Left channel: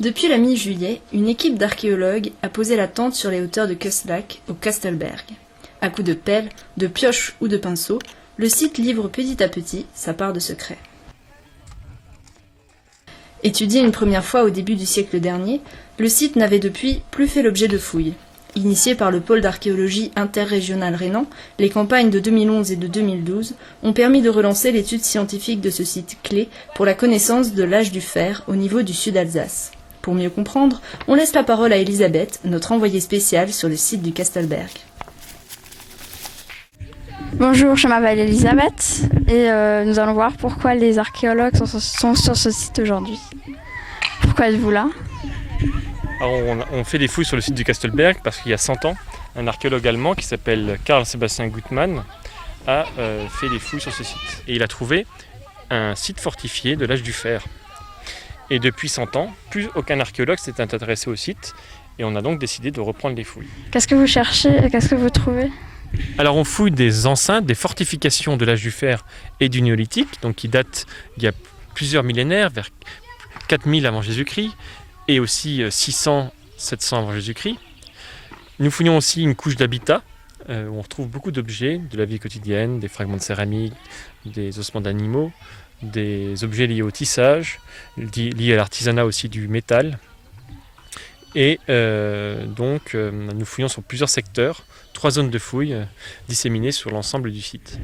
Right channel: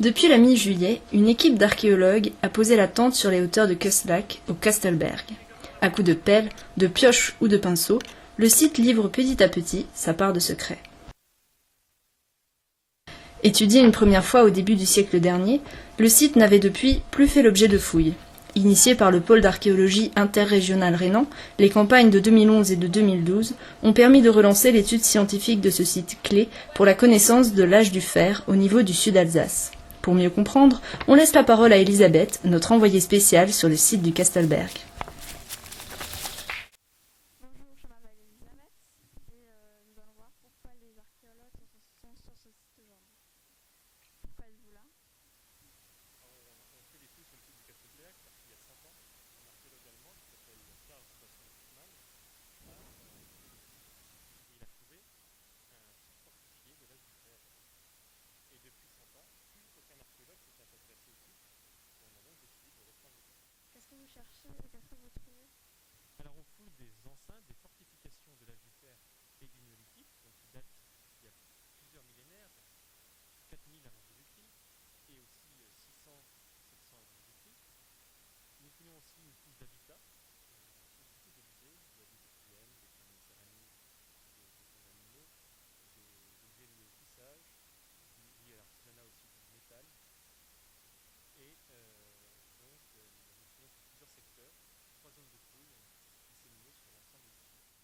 Depuis la mi-juillet, une équipe d'archéologues a posé la tente sur les hauteurs de Kustlac, au Kastelberg. À coups de pelle, de pioche ou de pinceau, le site livre petit à petit sa part de secret. Étudié une première fois au début du siècle dernier, le site n'avait depuis plus fait l'objet de fouilles. Initiées par le pôle d'archéologie interrégional rhénan, les campagnes de 2011 et de 2012 ont permis de relancer l'étude scientifique de ce site clé pour la connaissance de l'âge du fer au niveau du sud-Alsace. Pour mieux comprendre, on laisse la parole à Elisabeth, notre envoyée spéciale sur le site du Kastelberg. Bonjour, je m'appelle Elisabeth et nous allons voir pourquoi les archéologues sont sur ce site aujourd'hui. Pourquoi êtes-vous là ? Alors on fait des fouilles sur le site du Kastelberg parce qu'il y a 100 ans, un archéologue allemand qui s'appelle Karl Sebastian Gutmann a fait des fouilles sur ce site. Et il a trouvé un site fortifié de l'âge du fer. Et depuis 100 ans, plus aucun archéologue s'est intéressé au site et on a donc décidé de reprendre les fouilles. Qu'est-ce que vous cherchez et qu'est-ce que vous trouvez ? Alors on fouille des enceintes, des fortifications de l'âge du fer et du néolithique, donc qui datent d'il y a plusieurs millénaires, vers 4000 avant Jésus-Christ, et aussi 600-700 avant Jésus-Christ. Nous fouillons aussi une couche d'habitat, où on retrouve beaucoup d'objets de la vie quotidienne, des fragments de céramique, des ossements d'animaux, des objets liés au tissage, liés à l'artisanat aussi du métal. Et donc nous fouillons sur plusieurs secteurs, 3 zones de fouilles disséminées sur l'ensemble du site.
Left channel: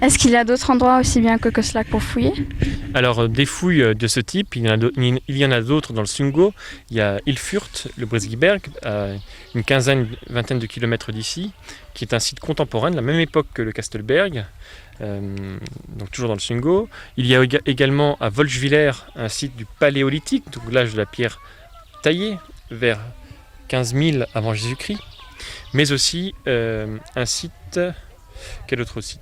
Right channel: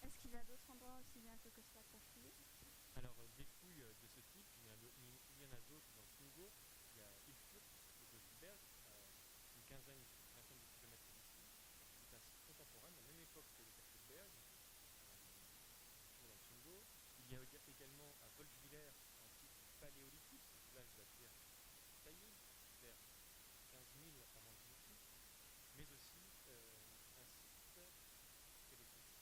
Est-ce qu'il y a d'autres endroits aussi bien que Kustlac pour fouiller ? Alors des fouilles de ce type, il y en a d'autres dans le Sungo. Il y a Ilfurt, le Bresgiberg, à une vingtaine de kilomètres d'ici, qui est un site contemporain de la même époque que le Kastelberg, donc toujours dans le Sungo. Il y a également à Wolfswiller un site du Paléolithique, donc l'âge de la pierre taillée, vers 15 000 avant Jésus-Christ, mais aussi un site, quel autre site ?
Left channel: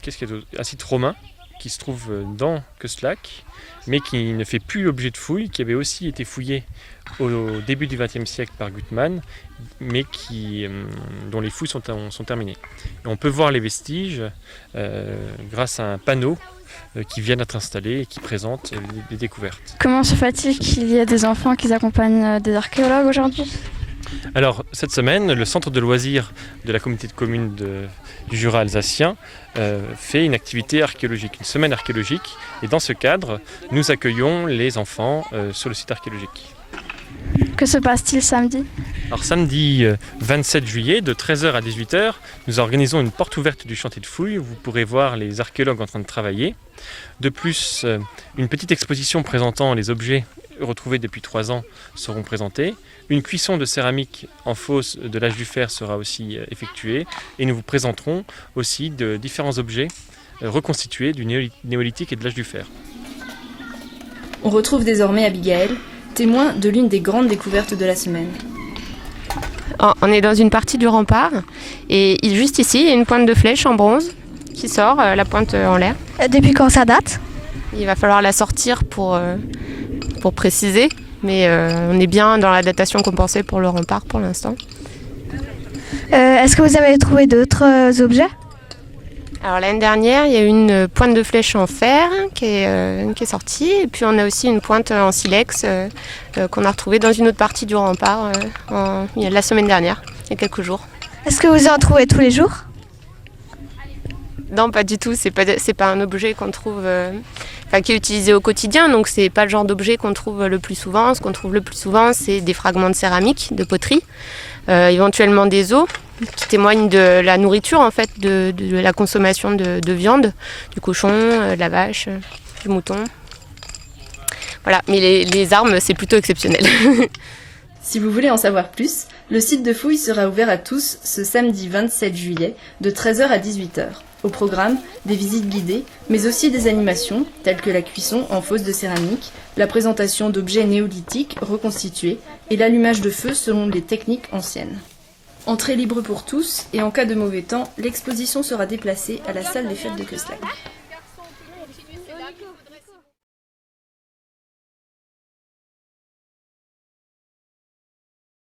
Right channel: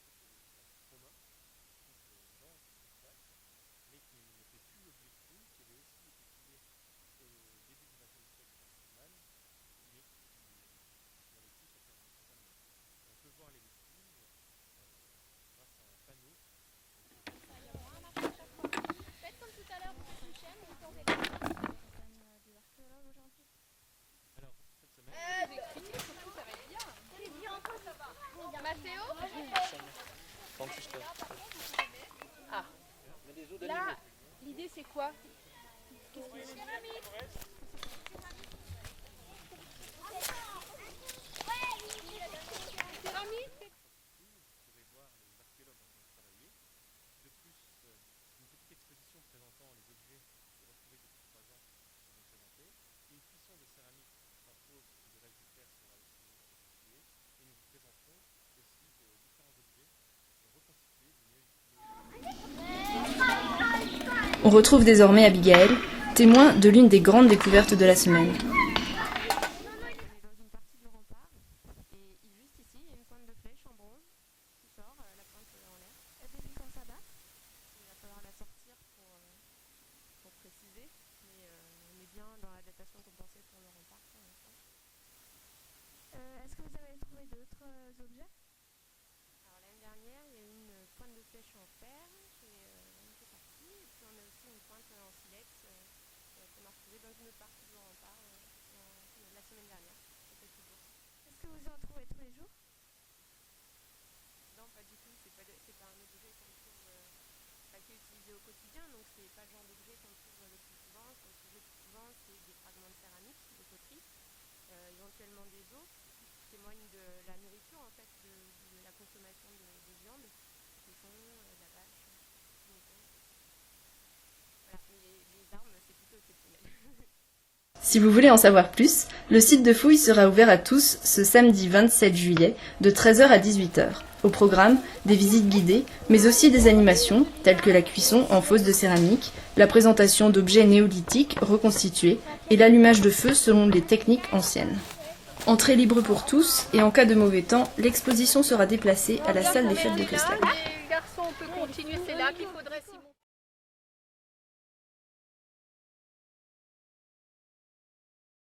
Un site romain qui se trouve dans Kustlac, mais qui ne fait plus l'objet de fouilles, qui avait aussi été fouillé au début du XXe siècle par Gutmann, mais dont les fouilles sont terminées. Et on peut voir les vestiges grâce à un panneau qui vient d'être installé et qui présente les découvertes. Comment se fait-il qu'il y ait des enfants qui accompagnent des archéologues aujourd'hui ? Alors, cette semaine, le centre de loisirs de la communauté de communes du Jura alsacien fait une activité archéologique, une semaine archéologique. Et dans ce cadre, nous accueillons les enfants sur le site archéologique. Que se passe-t-il samedi ? Alors samedi 27 juillet, de 13h à 18h, nous organisons une porte ouverte du chantier de fouilles où vous pourrez voir les archéologues en train de travailler. De plus, une petite exposition présentant les objets retrouvés depuis 3 ans seront présentés. Une cuisson de céramique en fosse de l'âge du fer sera aussi effectuée et nous vous présenterons aussi de différents objets reconstitués du néolithique et de l'âge du fer. On retrouve désormais Abigail, témoin de l'une des grandes découvertes de la semaine. On est dans une partie du rempart et juste ici, il y a une pointe de flèche en bronze qui sort, la pointe en l'air. Depuis quand ça date ? Il va falloir la sortir pour préciser, mais on est bien dans la datation qu'on pensait pour le rempart pour l'instant. Est-ce que vous avez trouvé d'autres objets ? Alors l'année dernière, il y a eu une pointe de flèche en fer qui est sortie, et puis on a aussi une pointe en silex qu'on a retrouvée dans une autre partie du rempart la semaine dernière, il y a quelques jours. Est-ce que vous en trouvez tous les jours ? Non, pas du tout, c'est pas un objet qu'on trouve, qui est utilisé au quotidien, donc c'est pas le genre d'objet qu'on trouve le plus souvent. Ce qu'on trouve le plus souvent, c'est des fragments de céramique, de poterie, éventuellement des os, qui témoignent de la nourriture, en fait, de la consommation de viande, du cochon, de la vache, du mouton. Voilà, mais les armes, c'est plutôt exceptionnel. Si vous voulez en savoir plus, le site de fouilles sera ouvert à tous ce samedi 27 juillet de 13h à 18h. Au programme, des visites guidées, mais aussi des animations telles que la cuisson en fosse de céramique, la présentation d'objets néolithiques reconstitués et l'allumage de feu selon les techniques anciennes. Entrée libre pour tous et en cas de mauvais temps, l'exposition sera déplacée à la salle des fêtes de Kustlac.